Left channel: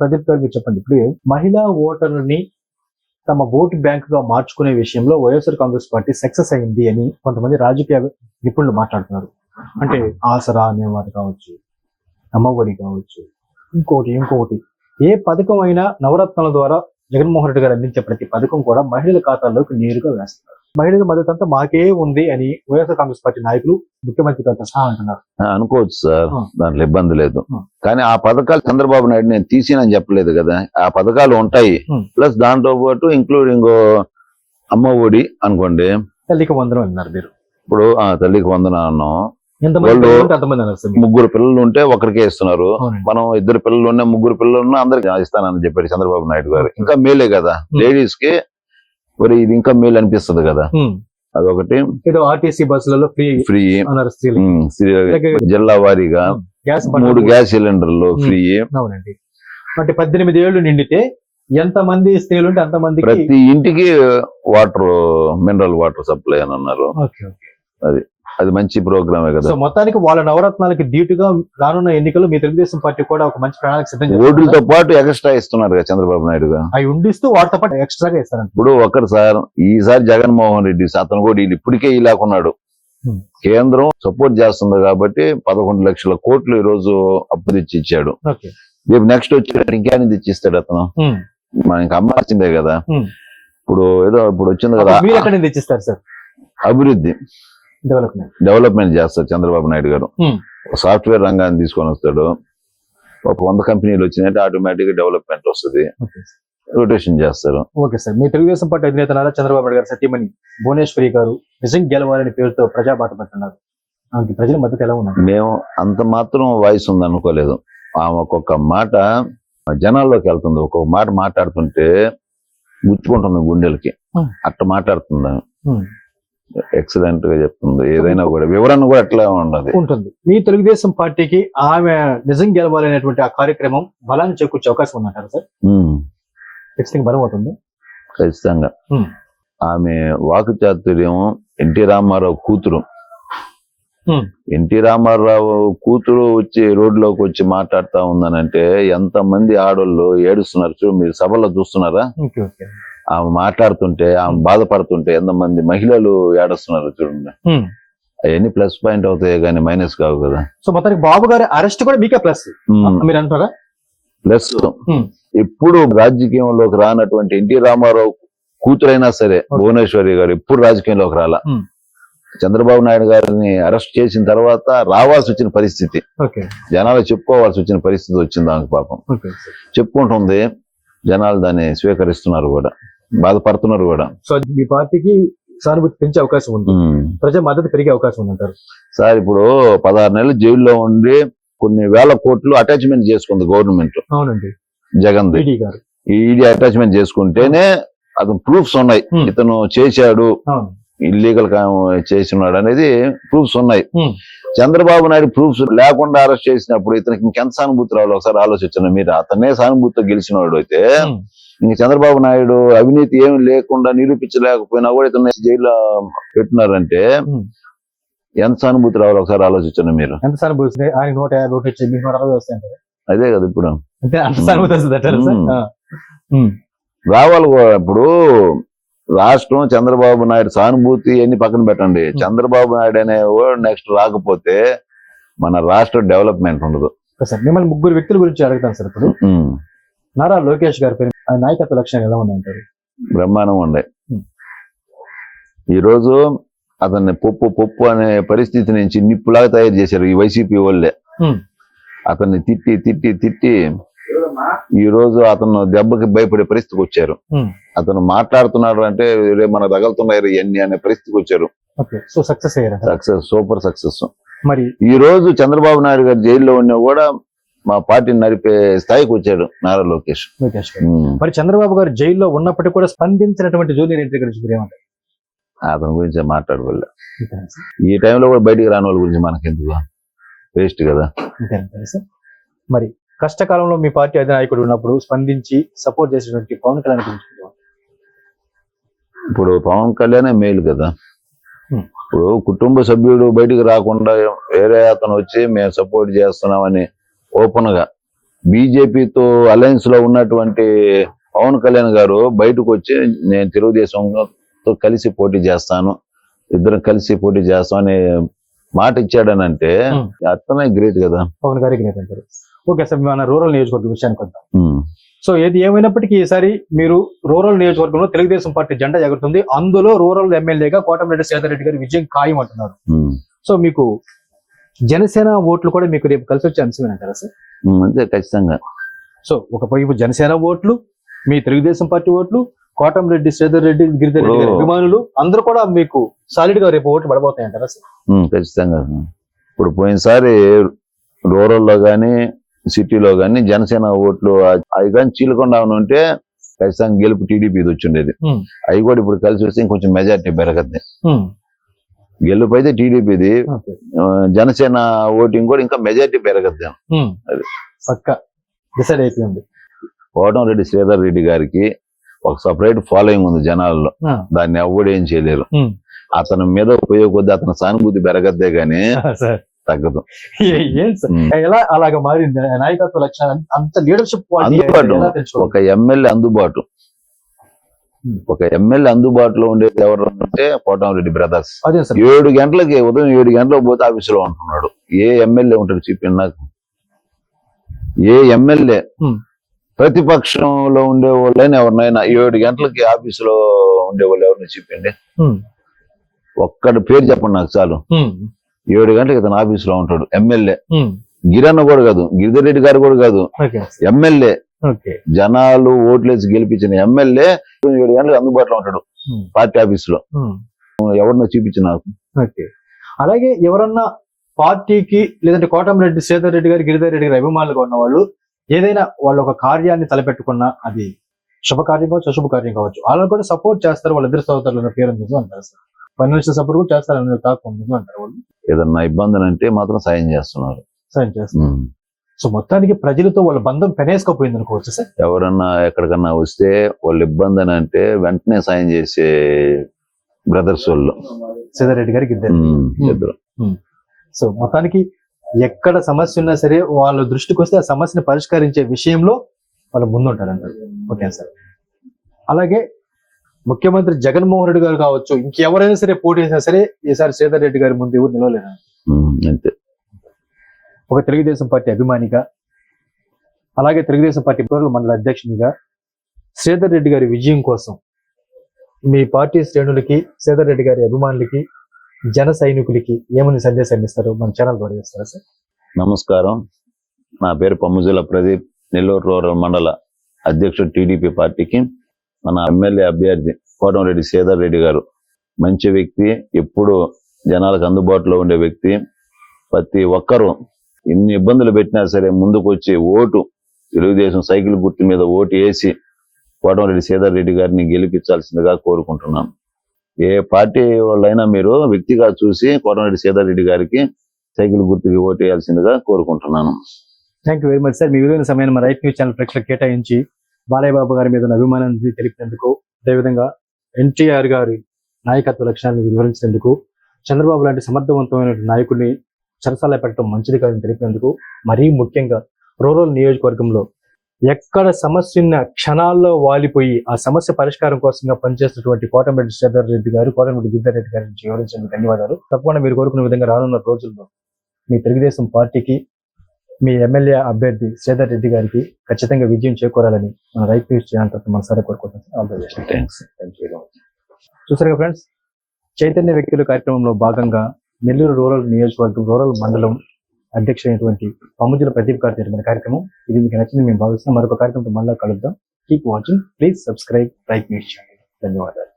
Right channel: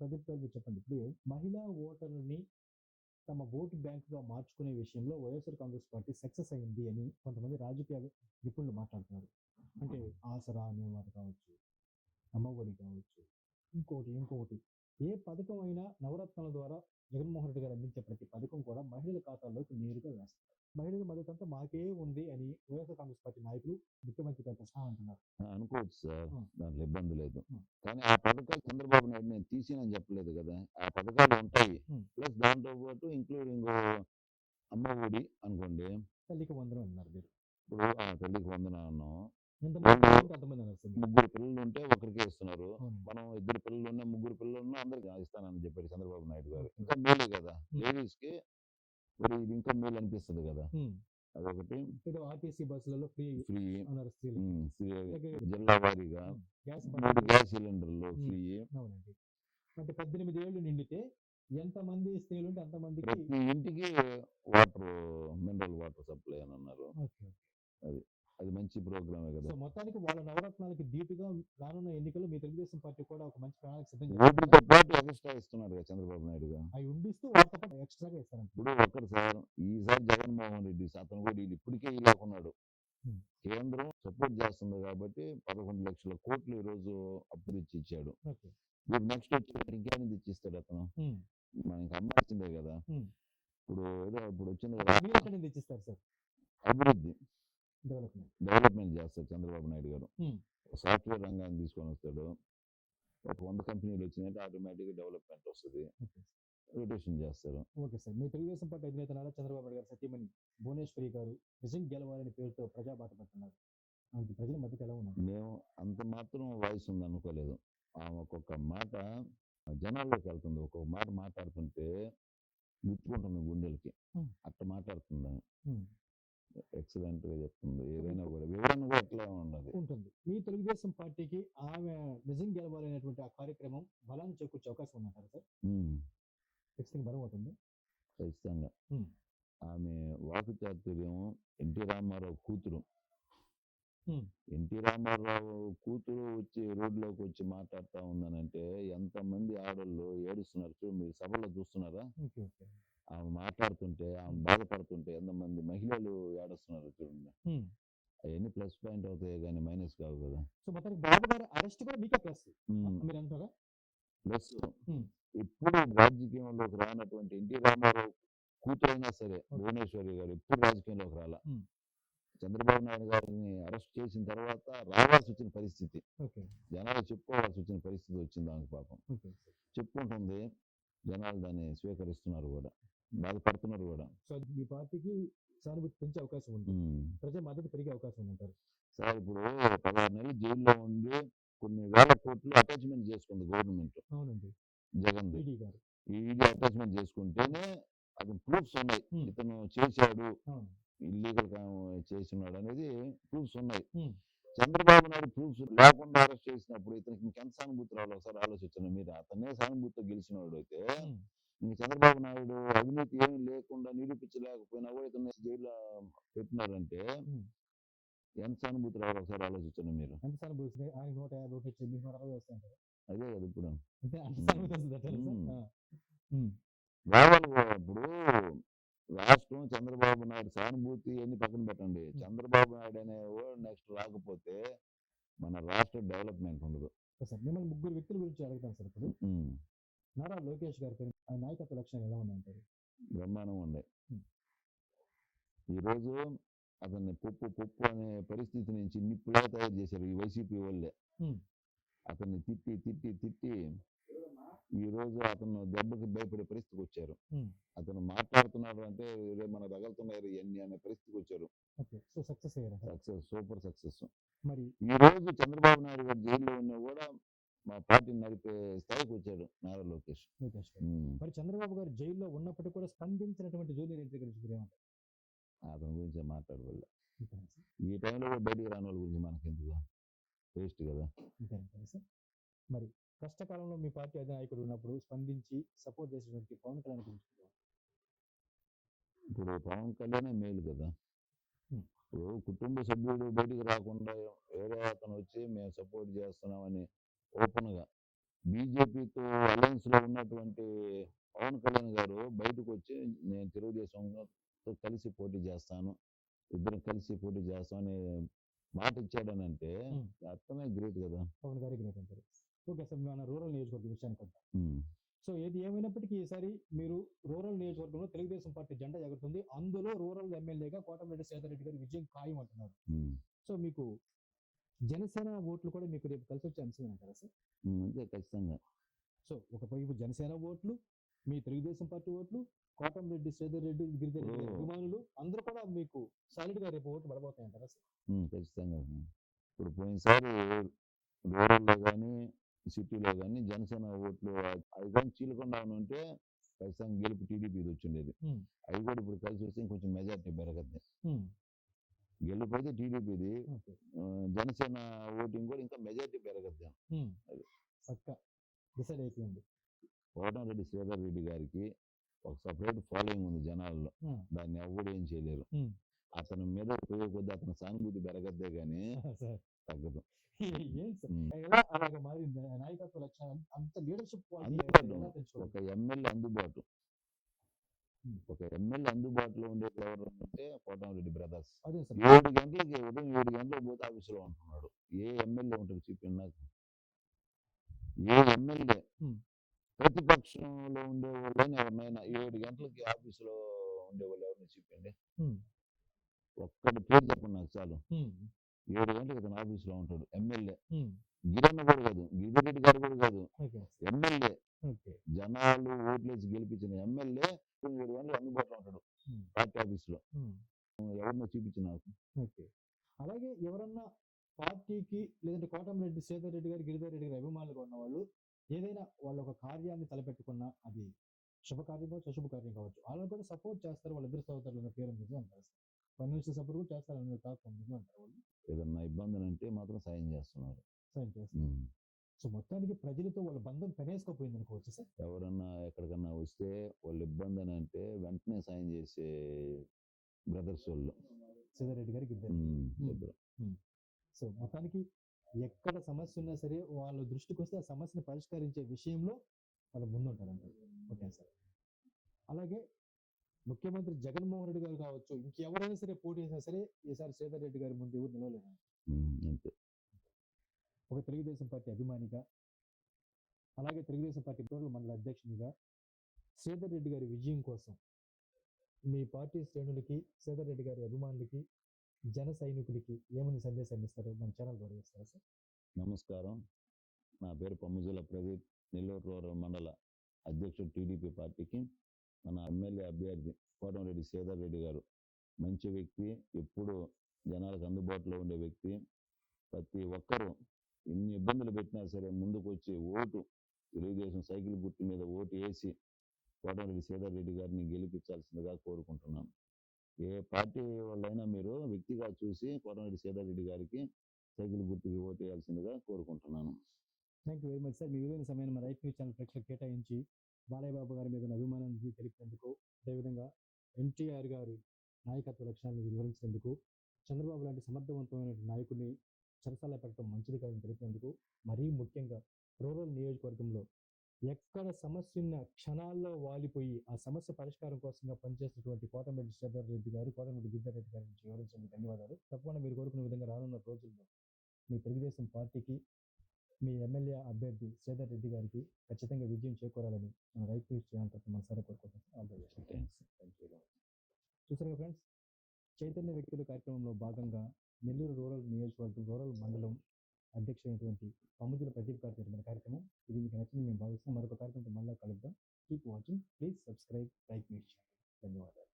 ప్రదీప్ గారు మీరు చెప్పండి. ఇప్పుడు మహిళా ఓటర్ని తమ ఓటు బ్యాంక్గా మార్చుకునే విషయంలో వైఎస్ఆర్ కాంగ్రెస్ పార్టీ సక్సెస్ అయింది అని కొంతమంది రాజకీయ నిపుణులు మాట్లాడుతున్నారు. అంటే ఆసరా అనేవారు కావచ్చు అమ్మఒడి కావచ్చు ఇంకోటి ఇంకొకటి ఏ పథకం అయినా నవరత్నాల ద్వారా జగన్మోహన్ రెడ్డి గారు అందించే ప్రతి పథకం కూడా మహిళల ఖాతాల్లోకి నేరుగా వేస్తారు మహిళల మద్దతు అంతా మాకే ఉంది అని వైఎస్ఆర్ కాంగ్రెస్ పార్టీ నాయకులు ముఖ్యమంత్రి అంటున్నారు. అనుకోవచ్చు సార్. దాంట్లో ఇబ్బంది లేదు. కానీ ఆ పథకాలు చంద్రబాబు నాయుడు నేను తీసినని చెప్పలేదు కదా. ఆ పథకాలు ఉంటాయి. ప్లస్ దాంతో పాటు ఇంక్లూడింగ్ అమ్మ ఒడి అనుకోండి. తల్లికి వందనం అన్నారు మీరు. ఇప్పుడు ఆ తల్లికి వందన అన్నాం. వాళ్ళు-. ముగ్గురు పిల్లలు ఉంటే ఒకరికే ఇస్తున్నారు. మనం ఇద్దరు పిల్లలు ఉన్న ముగ్గురు పిల్లలు ఉన్నా అందరికి ఇస్తానని చెప్పాడు చంద్రబాబు నాయుడు గారు. ఇంకా మేలే కదా. లేడీస్కి మరి ఇది ఇంకా మేలు అనిపిస్తుంది కదా. అదొకటి. ఏదో ఆర్టీసీ బస్సులలో ఫ్రీ ఫ్రీ. జిల్లా వారీగా గ్యాస్ మూడు గ్యాస్ సిలిండర్లు. ఫ్రీ. అవునండి. అంటే పద్దెనిమిది ఏళ్ళు నిండితే ఎంత మంది స్త్రీలు ఉంటే అంత మందికి ప్రతి ఇంటికి వాటర్ మినరల్ వాటర్ సప్లై అని అన్నారు. ఓకే అది మంచి ప్రోగ్రామే కదా. సో మొత్తానికి వాళ్ళ నవరత్నాలకి ధీటుగా రానున్న ఎన్నికలు మీ తెలుగుదేశం పార్టీ కూడా ఒక మంచి ప్రణాళిక సిద్ధం ఓట్లతో పాటు ఎక్స్ట్రా ఇస్తున్నారు కదా చంద్రబాబు నాయుడు అవి ఉండిస్తూ వాటితో పాటు ఎక్స్ట్రాగా ఇస్తారంట. ఇప్పుడు ఒక్కరు సార్ ఈసారి జగన్మోహన్ రెడ్డి అతను కూడా వీళ్ళు ఇప్పటికే ఇలాకున్నాడు. కేంద్రం సపోర్ట్ చేస్తుంది కాబట్టి పదకొండు లక్షల కోట్లు ఈ రోజు అప్పు తెచ్చి ఇచ్చాడు. రేపు నెక్స్ట్ వచ్చి ఇంకేని తెచ్చి ఇస్తాడు అతను. మనకి అమ్మాల్సిందే కదా. ఇప్పుడు ఏదో ఇప్పుడు వచ్చింది కదా. అభివృద్ధి. డెవలప్మెంట్ డెవలప్మెంట్ చేస్తారు చంద్రబాబు నాయుడు గారు. Hmm. సాఫ్ట్వేర్ రంగాన్ని తీసుకొని వస్తాడు. ఒక వంద కంపెనీలు వచ్చినాయంటే ఆటోమేటిక్గా డెవలప్మెంట్ వస్తుంది రొటేషన్ చేస్తారు. ఓకే సార్ మీ తెలుగుదేశం పార్టీ అధినేత నారా చంద్రబాబు నాయుడు గారు సత్యమణి భువనేశ్వరి గారు నిజం గెలవాలని పేరుతో ప్రజాబాట పడుతున్నారు ఆమెకి ప్రజల మద్దతు ఎలా ఉన్నారు మేము అంత మాత్రం వాయిస్ ఉంది అనుకోలేదు. ఆమె ఒక్కొక్క మాట జనాల్లోకి వెళ్తుంది. ఒక్కొక్క మాట మాట్లాడుతుంటే గుచ్చుకుంటుంది గుండెలకి. Hmm. అట్ట మాట్లాడుతుంది. ఎక్సలెంట్గా చెప్తుంది. ఏదైనా కూడా వివరణ కూడా అట్లా ఉండదు ఉంటుంది. మీ తెలుగుదేశం పార్టీకి ఆమె నిజం గెలవాలనేటువంటి ఆ కార్యక్రమం బలాన్ని చేకూర్చే అవకాశం ఉందంటారు సార్? ఖచ్చితంగా బలం అవుతుంది. ఖచ్చితంగా. ఆమె వాకు చాతుర్యం ఎన్టీ రామారావు కూతురు. ఎన్టీ రామారావు కూతురు వచ్చి రోడ్లోకి వచ్చి మాట్లాడుతా ఉందనంటే ఎంత మంది ఆడోళ్ళు ఏడుస్తున్నారు చూడు మీరు సభలో చూస్తున్నారా? ఆమె మాట్లాడుతుంటే ఆమె బాధపడుతుంటే ఎంతమంది మహిళలు ఏడుస్తున్నారు చూడండి. ఉమ్. అవన్నీ ప్లస్ పాయింట్ అవుతాయి కానీ మైనస్ కావు కదా. సో మొత్తానికి బాబు గారి అరెస్ట్ కూడా మీకే ప్లస్. మీరు అంటారా ప్లస్ Hmm. ఇప్పుడు రాజకీయంలోకి రానటువంటి ఎన్టీ రామారావు కూతురైనా సరే భువనేశ్వరి గారు ఇప్పుడు రాజకీయంలోకి రాలా. Hmm. చంద్రబాబు నాయుడు గారిని అరెస్ట్ చేసిన తర్వాత రావాల్సి వచ్చిన పరిస్థితి. జనాలు చెప్పుకోవాల్సి వచ్చిన పరిస్థితి వచ్చింది ఆమెకు పాపం. చెప్పుకుంటుంది జనాలు దాన్ని స్వీకరిస్తున్నారు కూడా. బాధపడుతున్నారు కూడా. సో మీ పార్టీకి సానుభూతి పెంచే అవకాశం ఉంది. ఉమ్. ప్రజల మద్దతు పెరిగే అవకాశం ఉందంటారు. సార్ ఇప్పుడు పదహారు నెలలు జైల్లో ఉండి కొన్ని వేల కోట్లు అటాచ్మెంట్ చేసుకుంది గవర్నమెంట్. అవునండి. జగన్ ఈడీ గారు. ఈడీ అటాచ్మెంట్ చేసుకుంటేనే అతను ప్రూఫ్స్ ఉన్నాయి. ఇతను చేశాడు. ఇల్లీగల్ చేసినాడు అనేది ప్రూఫ్స్ ఉన్నాయి. చంద్రబాబు నాయుడు ప్రూఫ్స్ లేకుండా అరెస్ట్ చేసినప్పుడు ఇతనికి ఇంకెంత సానుభూతి రావాలి? ఒకసారి ఆలోచించండి. మీరు అతనే సానుభూతితో గెలిచినవాడు అయితే. ఇంక చంద్రబాబు నాయుడు అవినీతి ఏమి లేకుండా నిరూపించలేకపోయినా కూడా ఇతను జైల్లో పెట్టినారంటే. ఎంత సానుభూతి రావాలి ఒకసారి ఆలోచించండి మీరు. ఎంత సానుభూతి ఆయన నూట యాభై ఒకటి వచ్చి మీకు నూట అరవై వస్తాయి అంటారు అదే కదా ఇప్పుడు. అంటే అంత సానుభూతి వస్తుంది. రావాలి కూడా ఇప్పుడు రాష్ట్రం చంద్రబాబు నాయుడు సానుభూతి అన్ని పక్కన పెట్టండి. చంద్రబాబు నాయుడు అనే నెక్స్ట్ రాకపోతే మన రాష్ట్ర డెవలప్మెంట్ ఉండదు. సార్ మిమ్మల్ని ముగ్గురు వ్యక్తుల గురించి అడుగుతాను సార్ ఇప్పుడు. నారా లోకేష్ గారి పేరు నాయకత్వ లక్షణాలు ఎలా ఉన్నాయంటారు? బ్రహ్మాండంగా ఉండే. ఈరోజు అతన్ని పప్పు పప్పు అనే పరిస్థితి నుంచి నిప్పులాగా తయారు చేశారు ఈ వైసీపీ వాళ్ళే. అతన్ని తిట్టి తిట్టి తిట్టి ఈ రోజు అతను దెబ్బకి భయపడే పరిస్థితికి వచ్చారు. అతను మాట్లాడుతున్నాడు అంటే మనకు తగలుతున్నాయి ఇవన్నీ అనే పరిస్థితికి వచ్చారు. Success success super success. మరి ఈ రోజు చంద్రబాబు నాయుడు గారు జైల్లో ఉన్నా కూడా మా పార్టీని నడిపే స్థాయికి వచ్చాడు నారా లోకేష్. లోకేష్ గారు. ఉమ్. మరి చంద్రబాబు గారు జైల్లో ఉన్నప్పటికీ కూడా స్పందించినటువంటి జూనియర్ ఎన్టీ గురించి మీరు ఏమంటారు అతని గురించి మాట్లాడవల్ల ఈ టైంలో కూడా బయటికి రాని వాళ్ళ గురించి మనకెందుకు? వేస్ట్ కదా. సార్. మరి కష్టకాలంలో మీ పార్టీ అధినాయకుడు ఉన్నప్పుడు స్పందించి సపోర్ట్ చేసినటువంటి పవన్ కళ్యాణ్ గురించి మీరు ఏమంటారు? ఇప్పుడు పవన్ కళ్యాణే మేలు కదా. Hmm. ఇప్పుడు కుటుంబ సభ్యుడు బయటికి రాకుండా వేరే అతను వచ్చి మేము సపోర్ట్ చేస్తున్నామని ఓపెన్గా బీజేపీతో అలయన్స్లో ఉన్నటువంటి పవన్ కళ్యాణ్ గారు బయటకు వచ్చి నేను తెలుగుదేశంతో కలిసి పోటీ చేస్తాను ఇద్దరం కలిసి పోటీ చేస్తాం అనే మాట ఇచ్చాడనంటే Hmm. అతనే గ్రేట్ కదా పవన్ గారికి గ్రేట్ అంటారు ఓకే సార్ మన రూరల్ నియోజకవర్గం విషయానికి వద్దాం. సో ఏది ఏమైనప్పటికీ ఈసారి మీరు రూరల్ నియోజకవర్గంలో తెలుగుదేశం పార్టీ జెండా ఎగురుతుంది అందులో రూరల్ ఎమ్మెల్యేగా కోటమిరెడ్డి సేదర్ రెడ్డి గారి విజయం ఖాయం అంటున్నారు. సో మీకు జనసేన ఓట్లు కూడా మీకు రేపు కలిసి వచ్చే అంశమేనంటారా సార్ Hmm. అంతే ఖచ్చితంగా సో ఒకవైపు జనసేన ఓట్లు మీ తెలుగుదేశం పార్టీ ఓట్లు కోటమిరెడ్డి శ్రీధర్ రెడ్డి గిరిధర్ రెడ్డి గారి. అభిమానులు అందరూ కూడా మీకు సాలిడ్గా రేపు ఓట్లు పడబోతాయంటారా సార్ ఉమ్, ఖచ్చితంగా ఇప్పుడు పోయినసారి రూరల్లో కానీ సిటీలో కానీ జనసేన ఓట్లు అవి కానీ చీలకుండా ఉంటే ఖచ్చితంగా గెలుపు టీడీపీ వచ్చిండేది ఉమ్. అవి కూడా ఇప్పుడు కలిసి వస్తే ఇంకొంచెం మెజార్టీ పెరగద్ది. గెలుపు అయితే టీడీపీది. జనసేన ఓటింగ్ కూడా ఇంకా మెజార్టీ పెరగద్ది. అది. పక్క డిసైడ్ అయిపోయింది కోటంరెడ్డి శ్రీధర్ రెడ్డి గారికి ఒక సపరేట్ ఫాలోయింగ్ ఉంది జనాల్లో. దాన్ని ఎవ్వడు ఏం చేయలేరు. అతని మీద ఉపయోగ కొద్ది అతని సానుభూతి పెరగద్దే గానీ తగ్గదు. ఎలా అలాగ మారింది నాయకత్వ లక్షణాలు అంత లీడర్షిప్ అందుబాటు. ఒక ఎమ్మెల్యే అందుబాటు. ఒక ఎమ్మెల్యే అందుబాటులో ఉండేది ఎవరు అంటే కోటంరెడ్డి బ్రదర్స్. అదే సార్. ఏడు గంటలకి ఉదయం ఏడు గంటలకు పోతే ఆఫీసులో ఉంటున్నాడు. ఏ ఎమ్మెల్యే ఉంటాడు చెప్పండి నాకు. ఏ ఎమ్మెల్యే Hmm. ప్రతిపక్షంలో ఉండే వాళ్ళైనా ఎవరినైనా ఏడు గంటలకి ఆఫీసులో ఉండే వాళ్ళు ఎవరిని చెప్పండి ఉమ్. ఒక్కడి పేరు చెప్పండి నాకు చాలు. ఏడు గంటలకు ఇతను ఆఫీసులో ఉంటాడు. ఎమ్మెల్యే. గిరన్న కూడా కాదు గిరిధర్ రెడ్డి గారు కూడా కాదు. ఎమ్మెల్యే జనాలు ఓట్లేసి గెలిపించిన ఎమ్మెల్యే ఏడు గంటలకు అందుబాటులో ఉంటాడు ఉమ్. పార్టీ ఆఫీస్లో ఉమ్. ఎవరినో చూపించి నాకు. ఓకే. అలాగే ఎవరన్నా పార్టీకి లేదంటే కోటమిరెడ్డి శ్రీధర్ రెడ్డి గారి గిరిధర్ రెడ్డి గారి అభిమానులుగా ఉన్న వాళ్ళు ఏదైనా వాళ్ళు ఒక కార్యాన్ని తలపెట్టుకున్నా అది శుభకార్యం కావచ్చు అశుభ కార్యం కావచ్చు. వాళ్ళని కూడా సపోర్ట్ చేస్తారు వాళ్ళ ఇద్దరు సోదరులు పేరు నిజం అంటారు సార్? ఫైనాన్షియల్ సపోర్ట్ కూడా చేస్తారని తాకు నిజం అంటారు వాళ్ళు? ఏదన్నా ఇబ్బందులు అంటే మాత్రం సాయం చేస్తున్నారు. సాయం చేస్తారు. ఉమ్. సో మొత్తానికి ప్రజలతో వాళ్ళ బంధం పెనేసుకపోయింది అనుకోవచ్చు సార్. ఎవరన్నా ఎక్కడికన్నా వస్తే వాళ్ళు ఇబ్బంది అని అంటే వెంటనే సాయం చేసే బ్రదర్స్ వాళ్ళు. శ్రీధర్ రెడ్డి గారి గిరిధర్ రెడ్డి. ఉమ్, ఇద్దరు. సో మొత్తానికి ఎక్కడ సమస్య ఉన్నా సరే వాళ్ళ దృష్టికి వస్తే ఆ సమస్యను పరిష్కరించే విషయంలో వాళ్ళు ముందుంటారంటారు. Okay sir. అలాగే ముఖ్యమంత్రి జగన్మోహన్ రెడ్డి గారు కావచ్చు ఇంకెవరైనా సరే పోటీ చేసినా సరే ఈసారి శ్రీధర్ రెడ్డి గారి ముందు ఎవరు నిలవలేరు? ఉమ్, అంతే. ఒక తెలుగుదేశం పార్టీ అభిమానిగా అలాగే తెలుగుదేశం పార్టీ రూరల్ మండల అధ్యక్షునిగా శ్రీధర్ రెడ్డి గారి విజయం కోసం మీ పార్టీ శ్రేణులకి శ్రీధర్ రెడ్డి గారి అభిమానులకి జన సైనికులకి ఏమని సందేశాన్ని ఇస్తారు మన ఛానల్ ద్వారా ఇస్తారా సార్? నమస్కారం. నా పేరు పమ్ముజుల ప్రదీప్. నెల్లూరు రూరల్ మండల అధ్యక్షుడు టీడీపీ పార్టీకి మన ఎమ్మెల్యే అభ్యర్థి కోటంరెడ్డి శ్రీధర్ రెడ్డి గారు. మంచి వ్యక్తి ఎప్పుడు జనాలకు అందుబాటులో ఉండే వ్యక్తి. ప్రతి ఒక్కరూ ఎన్ని ఇబ్బందులు పెట్టినా సరే ముందుకు వచ్చి ఓటు తెలుగుదేశం సైకిల్ గుర్తు మీద ఓటు వేసి కోటమిరెడ్డి శ్రీధర్ రెడ్డి గారిని గెలిపించాల్సిందిగా కోరుకుంటున్నాను ఏ పార్టీ వాళ్ళైనా మీరు వ్యక్తిగా చూసి కోటమిరెడ్డి శ్రీధర్ రెడ్డి గారికి సైకిల్ గుర్తుకి ఓటు వేయాల్సిందిగా కోరుకుంటున్నాను. Thank you very much sir మీ విలువైన సమయాన్ని మా రైట్ న్యూస్ ఛానల్ ప్రేక్షకులకు కేటాయించి బాలయ్య బాబు గారి మీద ఉన్న అభిమానాన్ని తెలిపినందుకు అదేవిధంగా ఎన్టీఆర్ గారి నాయకత్వ లక్ష్యాన్ని వివరించినందుకు చంద్రబాబు లాంటి సమర్థవంతమైన నాయకుడిని చెరసాల పెట్టడం మంచిది కాదని తెలిపినందుకు మరీ ముఖ్యంగా రూరల్ నియోజకవర్గంలో ఎక్కడ సమస్య ఉన్న క్షణాల్లో వాలిపోయి ఆ సమస్య పరిష్కారం కోసంగా పనిచేస్తున్నటువంటి కోటమిరెడ్డి శ్రీధర్ రెడ్డి గారు కోటమిరెడ్డి గిద్దర్ రెడ్డి గారి నుంచి వివరించినందుకు ధన్యవాదాలు. తప్పకుండా మీరు కోరుకున్న విధంగా రానున్న రోజుల్లో మీ తెలుగుదేశం పార్టీకి మీ ఎమ్మెల్యే అభ్యర్థి శ్రీధర్ రెడ్డి గారికి ఖచ్చితంగా విజయం చేకూరాలని మన రైతు ఛానల్ తరఫున మనసారా కోరుకుంటున్నాం చూసారుగా ఫ్రెండ్స్ చైతన్య వ్యక్తుల కార్యక్రమంలో భాగంగా నెల్లూరు రూరల్ నియోజకవర్గం రూరల్ మండలం అధ్యక్షుడైనటువంటి పమ్ముజుల ప్రదీప్ గారు జరిగిన కార్యక్రమం. ఇది మీకు నచ్చింది మేము భావిస్తున్నాం. మరొక కార్యక్రమంతో మళ్ళీ కలుద్దాం. Keep watching please subscribe like news channel ధన్యవాదాలు.